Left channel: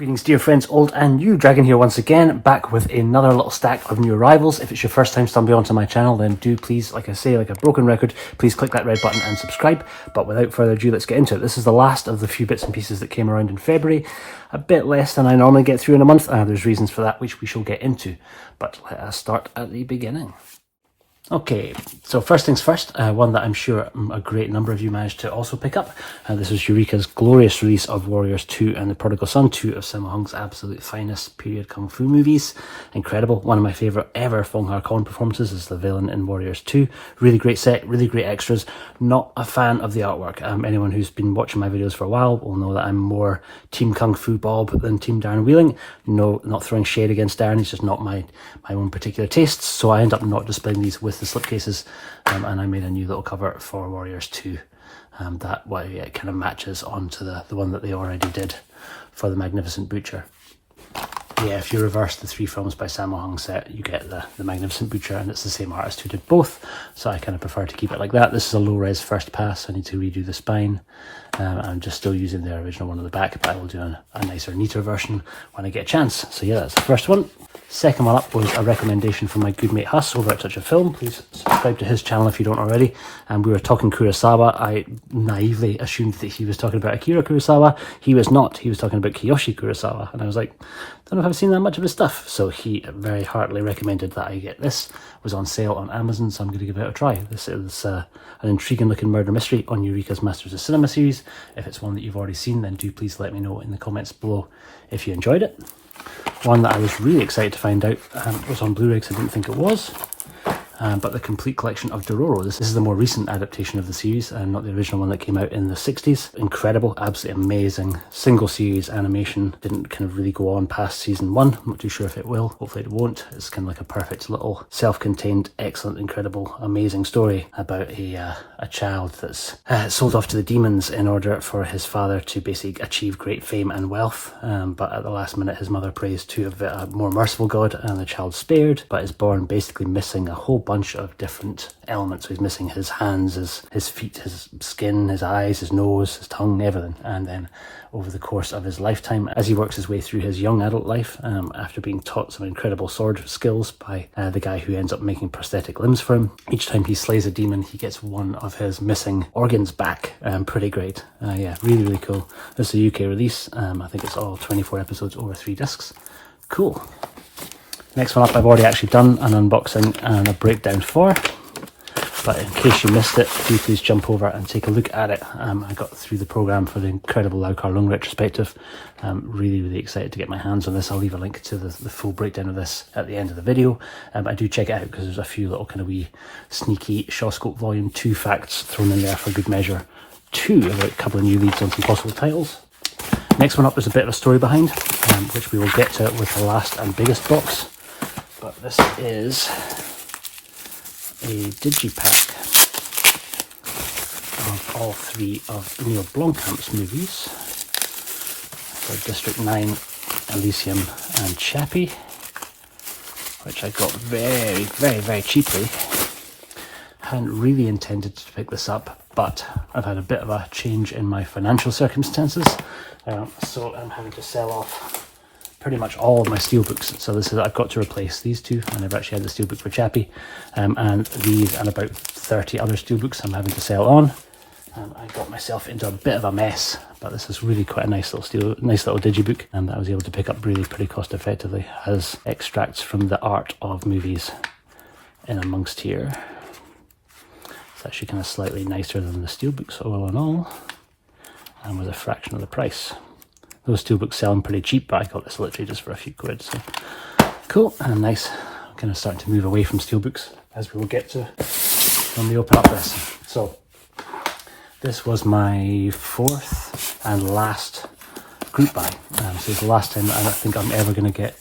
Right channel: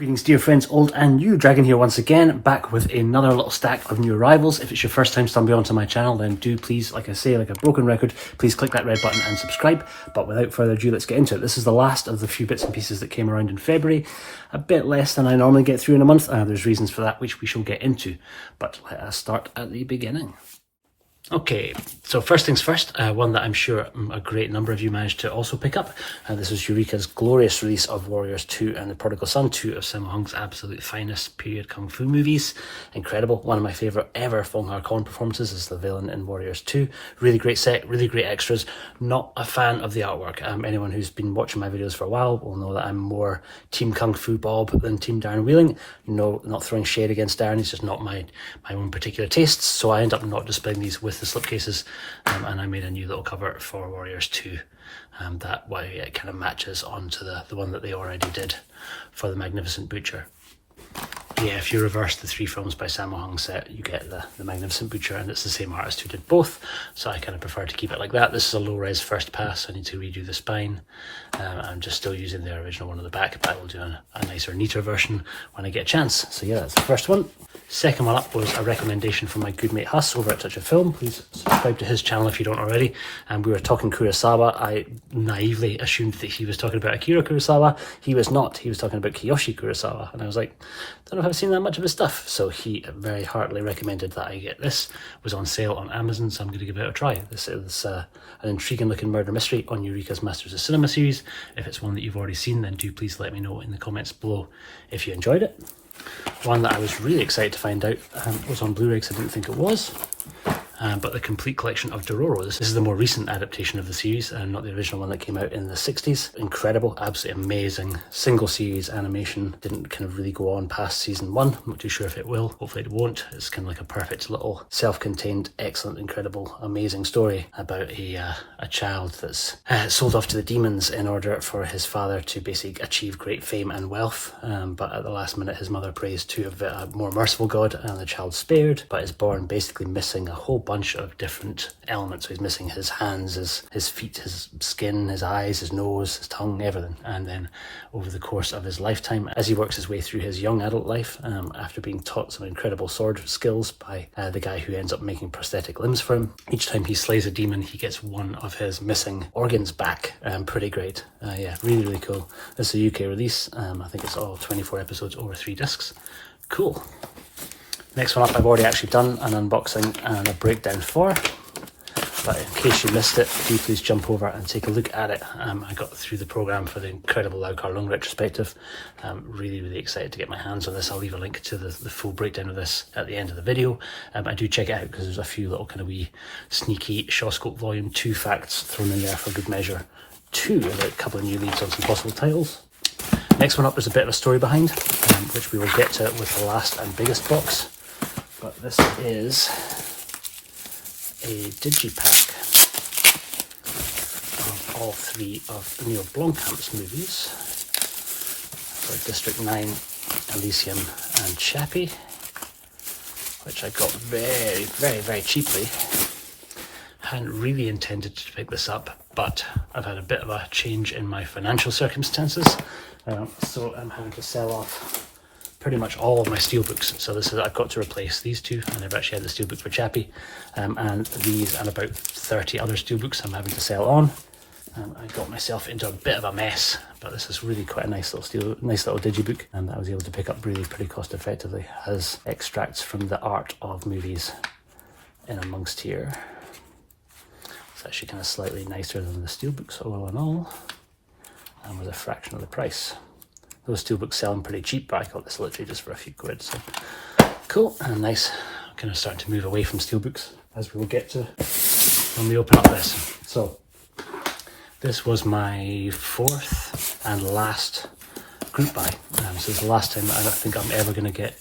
Greetings dear friends, old and new. Dragon here once again, back with another little stack of new arrivals. If it's your first time stumbling onto my channel, then do please, like I say, like a broken record, please click that red button and subscribe. But without further ado, let's get into it. This is the last of the few bits and pieces that came around in February. A bit less than I normally get through in a month. There's reasons for that, which we shall get into. But let us start at the beginning. Okay, so first things first, one that I'm sure a great number of you managed to also pick up. This is Eureka's glorious release of Warriors 2 and the Prodigal Son, two of Sammo Hung's absolute finest period kung fu movies. Incredible. One of my favourite ever Fong Har-kon performances is the villain in Warriors 2. Really great set, really great extras. Not a fan of the artwork. Anyone who's been watching my videos for a while will know that I'm more Team Kung Fu Bob than Team Darren Wheeling. No, not throwing shade against Darren, it's just not my own particular tastes, so I end up not displaying these with the slipcases, and I made a new little cover for Warriors 2 that it kind of matches onto the one that they already did for the Magnificent Butcher. Yeah, if you reverse the three films by Sammo Hung set, you get the Magnificent Butcher, and it's the same artist who did both, so I kind of prefer to keep it like that. This is a low-res first pass, I need to redo the spine. I'm just still using the original one on the back, but I will do a nicer, neater version when I get a chance. So yeah, that's the first one. Second one up was a recommendation from my good mate Huss over at Touch of Film. Please subscribe to his channel if you don't already. And we were talking Kurosawa. I naively assumed that he was talking about Akira Kurosawa. He was not. He was talking about Kiyoshi Kurosawa. And I was like, don't know if I've seen that much of his stuff. So he very heartily recommended that I get this. It was on sale on Amazon, so I'm going to give it a try. This is an intriguing looking murder mystery on Eureka's Masters of Cinema series. If it's one that you've already seen, then do please let me know in the comments below if you enjoyed it. One that I was really excited to find out was on Blu-ray because I didn't think it was. But the complete collection of Dororos. This is the more recent adaptation of the series, not the original one that came out in the 60s. Incredible, absolutely amazing. Single series animation. Didn't kind of really go on past season 1. I'm not too sure if it will. Hopefully it won't. It's kind of like a perfect little self-contained, excellent, incredible, amazing story about a child that's sold off to the demons in order for his father to basically achieve great fame and wealth. But at the last minute, his mother prays to a more merciful God, and the child's spared, but is born basically missing a whole bunch of different elements. So he's missing his hands, his feet, his skin, his eyes, his nose, his tongue, everything. And then over the course of his lifetime, as he works his way through his young adult life, after being taught some incredible sword skills by the guy who ends up making prosthetic limbs for him, each time he slays a demon, he gets one of his missing organs back. Pretty great. Yeah, really, really cool. This is a UK release. I think it's all 24 episodes over 3 discs. Cool. Next one up, I've already actually done an unboxing and a breakdown for, but in case you missed it, do please jump over and take a look at it. I got through the programme for the incredible Lau Kar Lung retrospective. Really, really excited to get my hands on this. I'll leave a link to the full breakdown of this at the end of the video. I do check it out because there's a few little kind of wee sneaky Shawscope Volume 2 facts thrown in there for good measure too, about a couple of new leads and some possible titles. Next one up is a bit of a story behind, which we will get to with the last and biggest box. But this is a digipack of all 3 of Neil Blomkamp's movies. So District 9, Elysium and Chappie, which I got very, very, very cheaply. Hadn't really intended to pick this up, but I've had a bit of a change in my financial circumstances. So I'm having to sell off pretty much all of my steelbooks. So this is that I've got to replace these 2, and I've actually had the steelbook for Chappie, and these and about 30 other steelbooks I'm having to sell on. I got myself into a bit of a mess, but this is really quite a nice little digibook, and that I was able to pick up really pretty cost effectively. It has extracts from the art of movies in amongst here. It's actually kind of slightly nicer than the steelbooks all in all, and was a fraction of the price. Those steelbooks selling pretty cheap, but I got this literally just for a few quid. So cool and nice. I'm kind of starting to move away from steelbooks, as we will get to when we open up this. So this was my 4th and last group buy. So it's the last time I don't think I'm ever going to get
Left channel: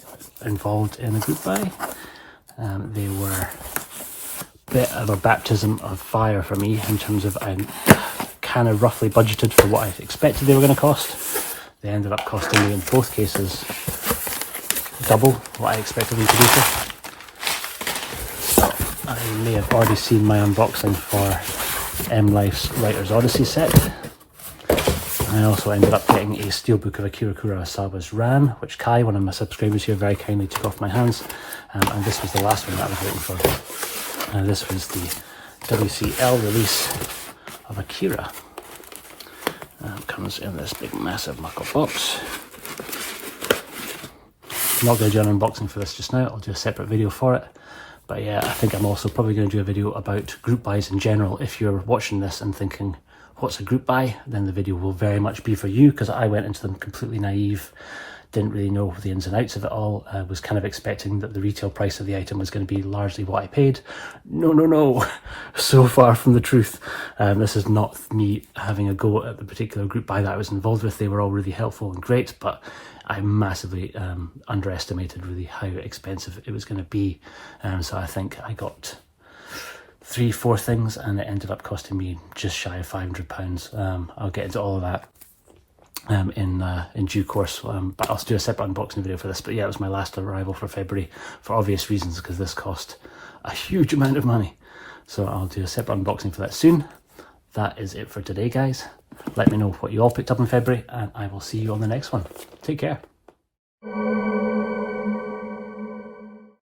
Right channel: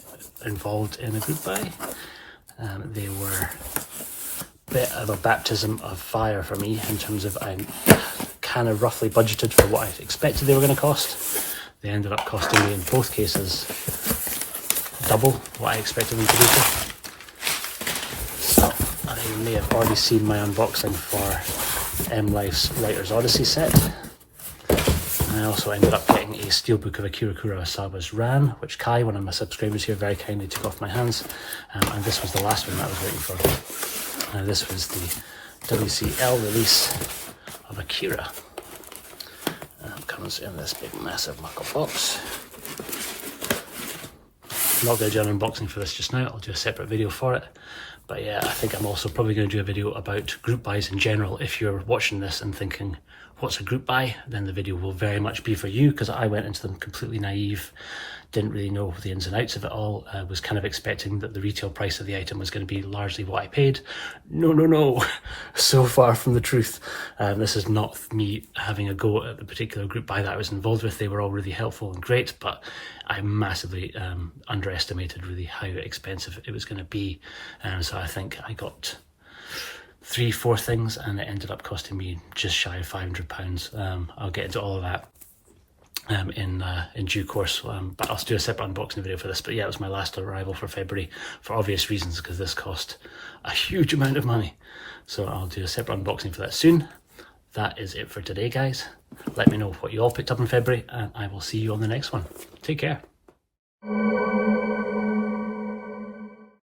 involved in a group buy. They were a bit of a baptism of fire for me in terms of I kind of roughly budgeted for what I expected they were going to cost. They ended up costing me in both cases double what I expected them to be for. I may have already seen my unboxing for Mlife's Writer's Odyssey set. I also ended up getting a steelbook of Akira Kurosawa's Ran, which Kai, one of my subscribers here, very kindly took off my hands. And this was the last one that I was waiting for. And this was the WCL release of Akira. And it comes in this big massive knuckle box. I'm not going to do an unboxing for this just now, I'll do a separate video for it. But yeah, I think I'm also probably going to do a video about group buys in general. If you're watching this and thinking, what's a group buy? Then the video will very much be for you, because I went into them completely naive, didn't really know the ins and outs of it all. Was kind of expecting that the retail price of the item was going to be largely what I paid. No, so far from the truth. This is not me having a go at the particular group buy that I was involved with. They were all really helpful and great, but I massively underestimated really how expensive it was going to be. So I think I got 3-4 things and it ended up costing me just shy of £500. I'll get into all of that in due course, but I'll do a separate unboxing video for this. But yeah, it was my last arrival for February for obvious reasons, because this cost a huge amount of money. So I'll do a separate unboxing for that soon. That is it for today, guys. Let me know what you all picked up in February, and I will see you on the next one. Take care.